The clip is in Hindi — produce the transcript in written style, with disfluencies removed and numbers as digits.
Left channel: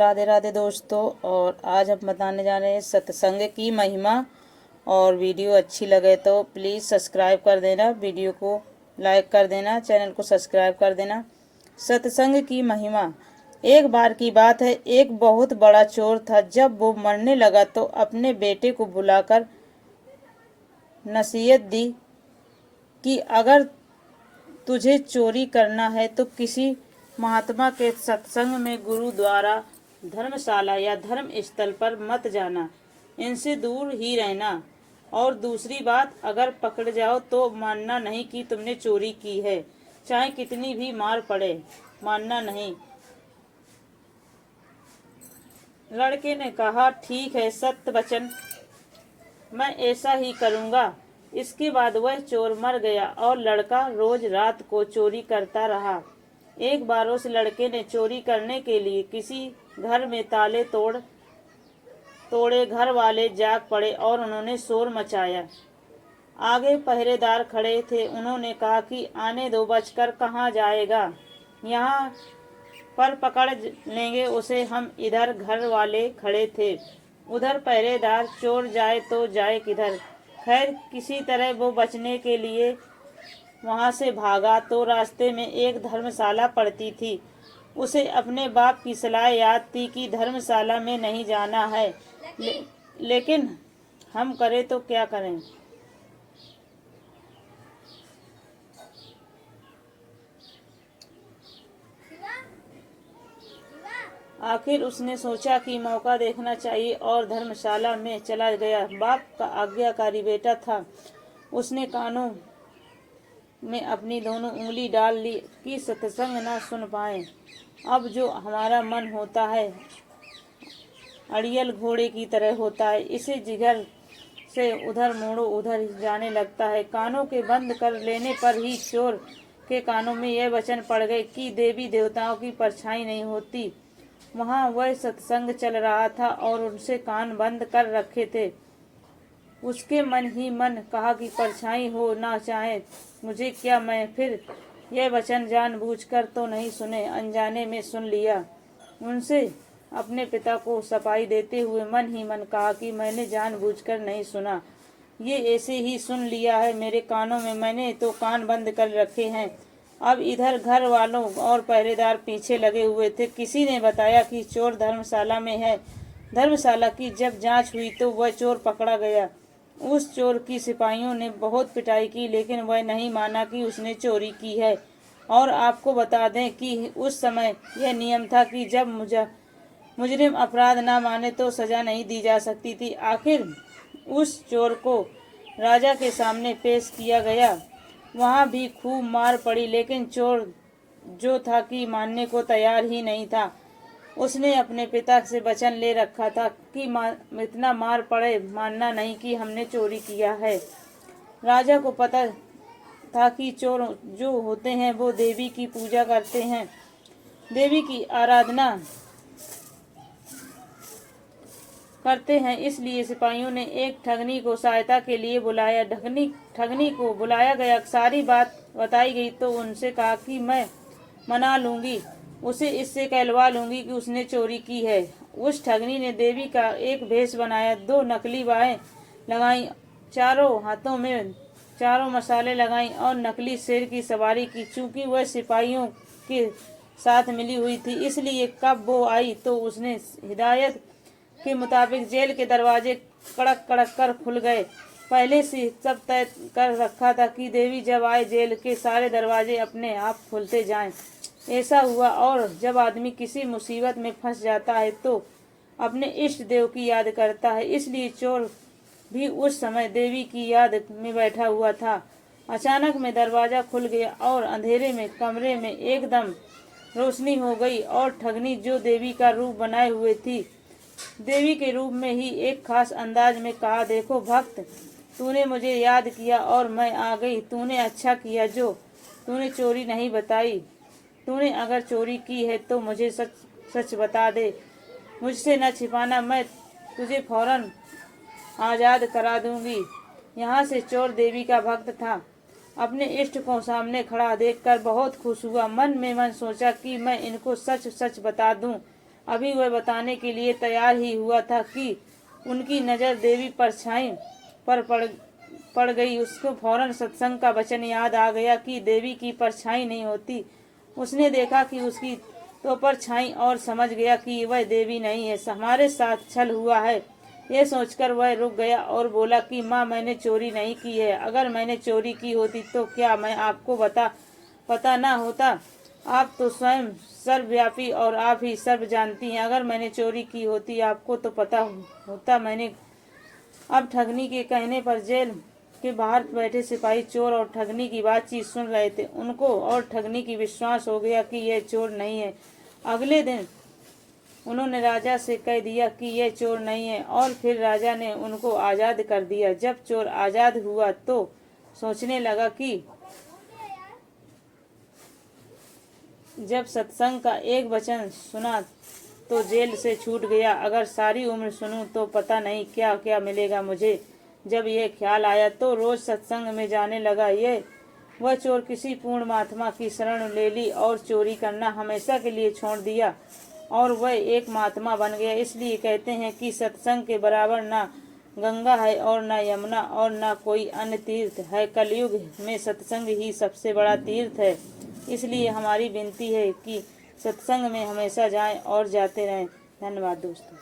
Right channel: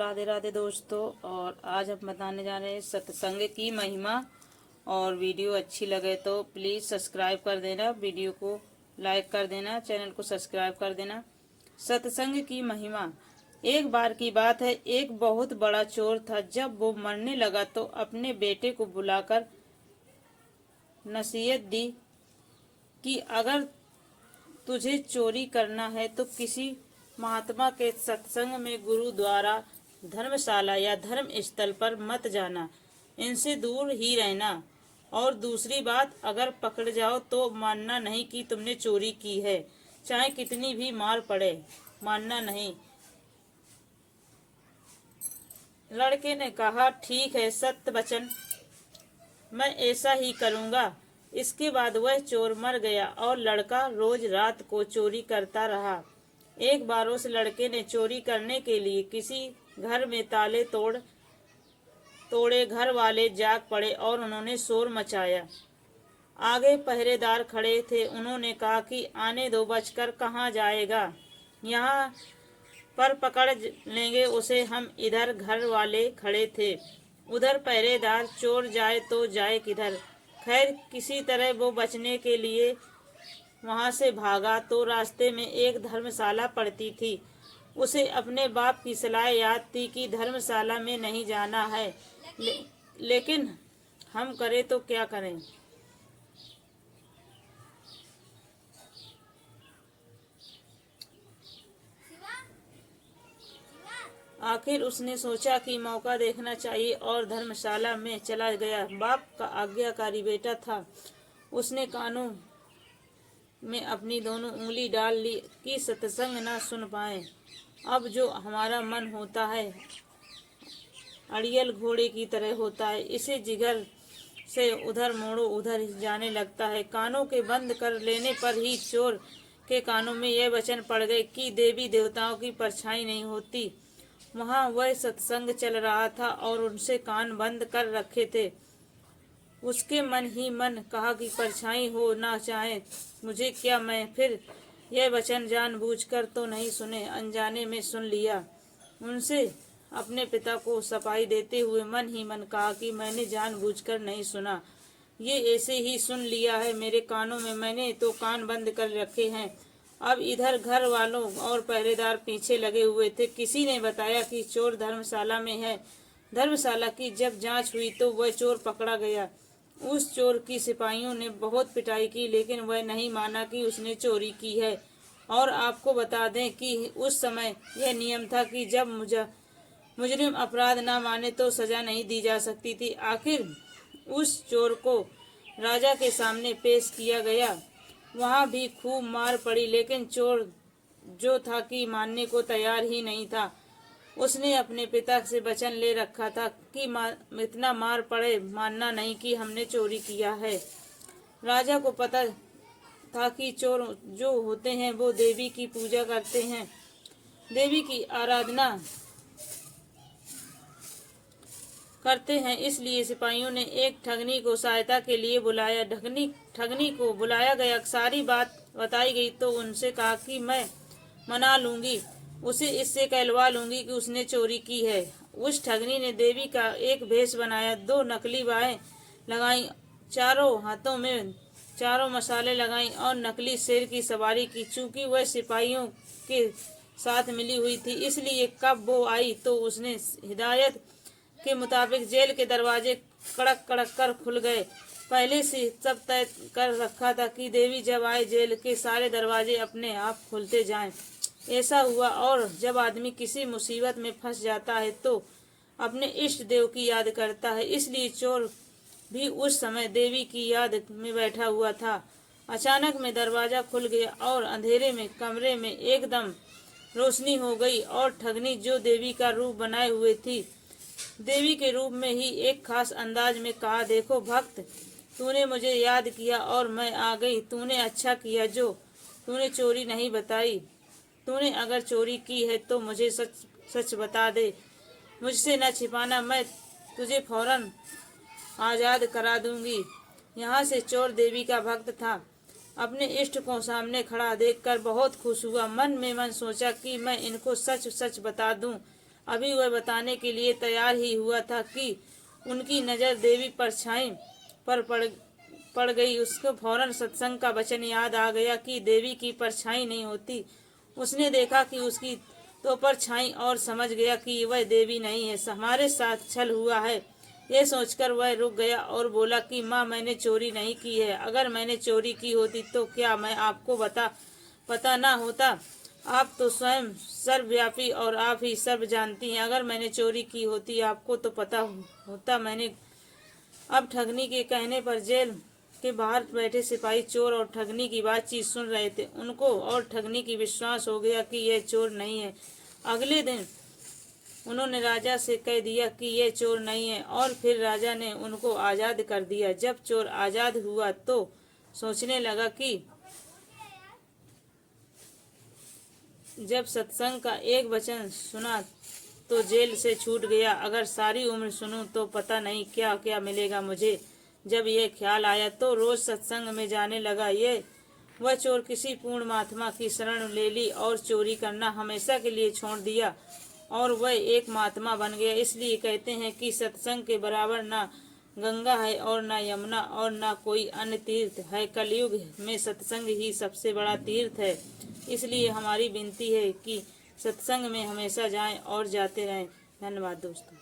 राधे राधे दोस्तों। और आज हम बताने जा रहे हैं सत्संग की महिमा। और वीडियो अच्छी लगे तो प्लीज़ सब्सक्राइब कर देना, वीडियो को लाइक कर देना, चैनल को सब्सक्राइब कर देना। सत्संग की महिमा। एक बार की बात है, एक बहुत बड़ा चोर था। जब वो मरने लगा तो अपने बेटे को बुलाकर नसीहत दी कि अगर तुझे चोरी करना है तो किसी महात्मा के सत्संग में, गुरु द्वारा, धर्मशाला या धर्म स्थल पर मत जाना, इनसे दूर ही रहना। और दूसरी बात, अगर पकड़ जाओ तो मानना नहीं कि तुमने चोरी की है, चाहे कितनी भी मार पड़े, मानना नहीं। लड़के ने कहा, ठीक है सत्य वचन, मैं ऐसा ही करूँगा। इसके बाद वह चोर मर गया और लड़का रोज रात को चोरी करता रहा। एक बार उस लड़के ने चोरी करने के लिए किसी घर में ताले तोड़े। घर वाले जाग पड़े और उन्होंने शोर मचाया। आगे पहरेदार खड़े थे। उन्होंने कहा कि आने दो, बचकर कहाँ जाएगा, यहाँ पर पकड़ लेंगे उसे हम। इधर घर वाले खड़े थे, उधर पहरेदार। चोर जाए तो जाए किधर। खैर किसी तरह वो बचने के लिए वहां से भागा तो रास्ते में एक धर्मशाला पड़ती थी। उसे अपने बाप की सलाह याद थी कि धर्मशाला में नहीं जाना है, लेकिन हम करें तो क्या करें। आखिर उसने सोचा कि मौका देखना चाहिए और धर्मशाला में चला गया। बाप का आज्ञाकारी बेटा था। उसने कानों में अपनी दोनों उंगली डाल ली कि सत्संग ना सुन पाए। अब जो हमारा मन होता है अड़ियल घोड़े की तरह होता है, इसे जिगर से उधर मोड़ो उधर जाने लगता है। कानों के बंद कर लेने पर ही चोर के कानों में यह वचन पड़ गए कि देवी देवताओं की परछाई नहीं होती। वहाँ वह सत्संग चल रहा था और उनसे कान बंद कर रखे थे। उसके मन ही मन कहा कि परछाई हो ना चाहे मुझे क्या, मैं फिर यह वचन जानबूझकर तो नहीं सुने, अनजाने में सुन लिया। उनसे अपने पिता को सफाई देते हुए मन ही मन कहा कि मैंने जानबूझकर नहीं सुना, ये ऐसे ही सुन लिया है मेरे कानों में, मैंने तो कान बंद कर रखे हैं। अब इधर घर वालों और पहरेदार पीछे लगे हुए थे। किसी ने बताया कि चोर धर्मशाला में है। धर्मशाला की जब जांच हुई तो वह चोर पकड़ा गया। उस चोर की सिपाहियों ने बहुत पिटाई की, लेकिन वह नहीं माना कि उसने चोरी की है। और आपको बता दें कि उस समय यह नियम था कि जब मुजरिम अपराध ना माने तो सजा नहीं दी जा सकती थी। आखिर उस चोर को राजा के सामने पेश किया गया। वहाँ भी खूब मार पड़ी, लेकिन चोर जो था कि मानने को तैयार ही नहीं था। उसने अपने पिता से वचन ले रखा था कि इतना मार पड़े मानना नहीं कि हमने चोरी किया है। राजा को पता था कि चोर जो होते हैं वो देवी की पूजा करते हैं, देवी की आराधना करते हैं। इसलिए सिपाहियों ने एक ठगनी को सहायता के लिए बुलाया। ठगनी को बुलाया गया, सारी बात बताई गई तो उनसे कहा कि मैं मना लूंगी, उसे इससे कहलवा लूंगी कि उसने चोरी की है। उस ठगनी ने देवी का एक भेष बनाया, 2 नकली बाहें लगाई, चारों हाथों में चारों मसाले लगाई और नकली शेर की सवारी की। चूंकि वह सिपाहियों के साथ मिली हुई थी, इसलिए कब वो आई तो उसने हिदायत के मुताबिक जेल के दरवाजे कड़क कड़क कर खुल गए। पहले से सब तय कर रखा था कि देवी जब आए जेल के सारे दरवाजे अपने आप खुलते जाएं। ऐसा हुआ। और जब आदमी किसी मुसीबत में फंस जाता है तो अपने इष्ट देव की याद करता है। इसलिए चोर भी उस समय देवी की याद में बैठा हुआ था। अचानक में दरवाजा खुल गया और अंधेरे में कमरे में एकदम रोशनी हो गई और ठगनी जो देवी का रूप बनाए हुए थी, देवी के रूप में ही एक खास अंदाज में कहा, देखो भक्त, तूने मुझे याद किया और मैं आ गई। तूने अच्छा किया जो तूने चोरी नहीं बताई। तूने अगर चोरी की है तो मुझे सच सच बता दे, मुझसे न छिपाना, मैं तुझे फौरन आज़ाद करा दूंगी। यहाँ से चोर देवी का भक्त था। अपने इष्ट को सामने खड़ा देखकर बहुत खुश हुआ। मन में मन सोचा कि मैं इनको सच सच बता दूं, अभी वह बताने के लिए तैयार ही हुआ था कि उनकी नज़र देवी परछाई पर पड़ गई। उसको फौरन सत्संग का वचन याद आ गया कि देवी की परछाई नहीं होती। उसने देखा कि उसकी तो परछाई और समझ गया कि वह देवी नहीं है, हमारे साथ छल हुआ है। ये सोचकर वह रुक गया और बोला कि माँ, मैंने चोरी नहीं की है। अगर मैंने चोरी की होती तो क्या मैं आपको पता ना होता? आप तो स्वयं सर्वव्यापी और आप ही सर्व जानती हैं। अगर मैंने चोरी की होती आपको तो पता होता। मैंने अब ठगनी के कहने पर जेल के बाहर बैठे सिपाही चोर और ठगनी की बातचीत सुन रहे थे। उनको और ठगनी की विश्वास हो गया कि यह चोर नहीं है। अगले दिन उन्होंने राजा से कह दिया कि यह चोर नहीं है और फिर राजा ने उनको आज़ाद कर दिया। जब चोर आज़ाद हुआ तो सोचने लगा कि जब सत्संग का एक वचन सुना तो जेल से छूट गया। अगर सारी उम्र सुनूं तो पता नहीं क्या क्या मिलेगा मुझे। जब यह ख्याल आया तो रोज सत्संग में जाने लगा। वह चोर किसी पूर्ण महात्मा की शरण ले ली और चोरी करना हमेशा के लिए छोड़ दिया और वह एक महात्मा बन गया। इसलिए कहते हैं कि सत्संग के बराबर ना गंगा है और ना यमुना और ना कोई अन्य तीर्थ है। कलयुग में सत्संग ही सबसे बड़ा तीर्थ है। इसलिए हमारी विनती है कि सत्संग में हमेशा जाएं और जाते रहें। धन्यवाद दोस्तों।